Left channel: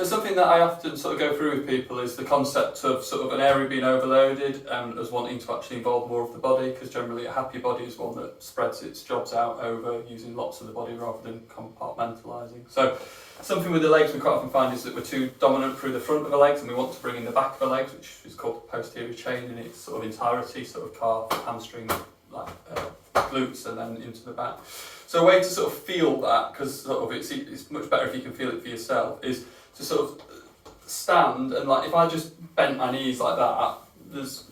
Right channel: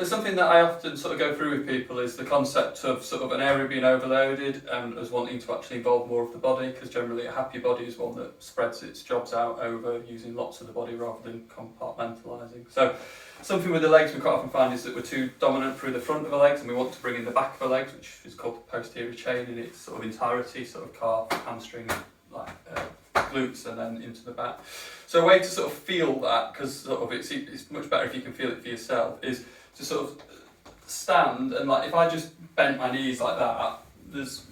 So something that I often sort of go through with people is the concept of sort of an area being overloaded and us wanting to actually involve more of the body, because generally a happy body is one that spreads its jobs out over using lots of the body rather than compartmentalising. So something with the legs we quite often find is that we're too dominant through the front of the legs and we want to bring in the back of the legs, which is called the posterior chain in its sort of entirety, sort of calf, hamstring, like glutes, and then into the back. So a way to sort of feel that, because sort of it's much better if you can feel it for yourself, is to sort of stand, and like if I just bent my knees like that,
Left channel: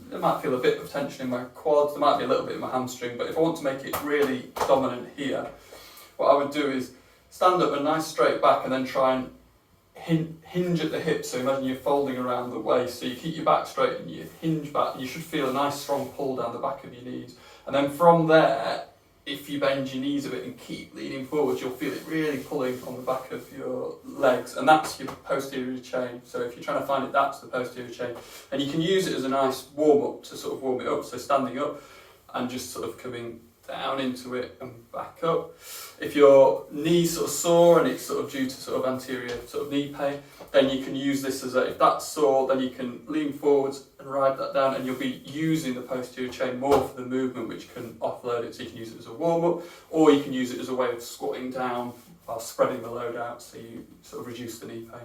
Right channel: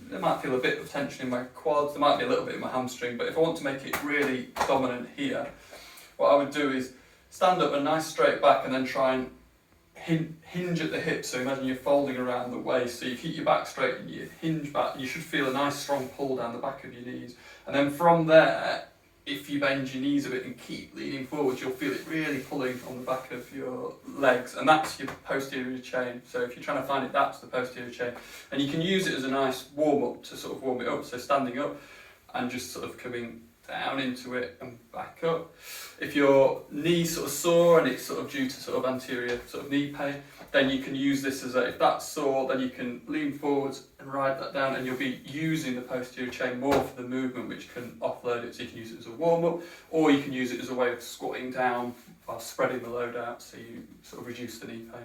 there might feel a bit of tension in my quads, there might be a little bit in my hamstring, but if I want to make it really dominant here, what I would do is stand up a nice straight back and then try and hinge at the hips. So imagine you're folding around the waist, so you keep your back straight and you hinge back. You should feel a nice strong pull down the back of your knees, and then from there, if you bend your knees a bit and keep leaning forward, you'll feel it really pulling on the back of your legs, and that's your posterior chain. So if you're trying to find it, that's the posterior chain. And you can use it as a nice warm-up to sort of warm it up, so standing up and just sort of coming down into it and back up. If your knee's sort of sore and it's sort of due to sort of anterior sort of knee pain, then you can use this as if that's sore, then you can lean forwards and ride that down, and you'll be using the posterior chain more for the movement, which can offload it. So you can use it as a warm-up, or you can use it as a way of squatting down while spreading the load out, so you sort of reduce the knee pain.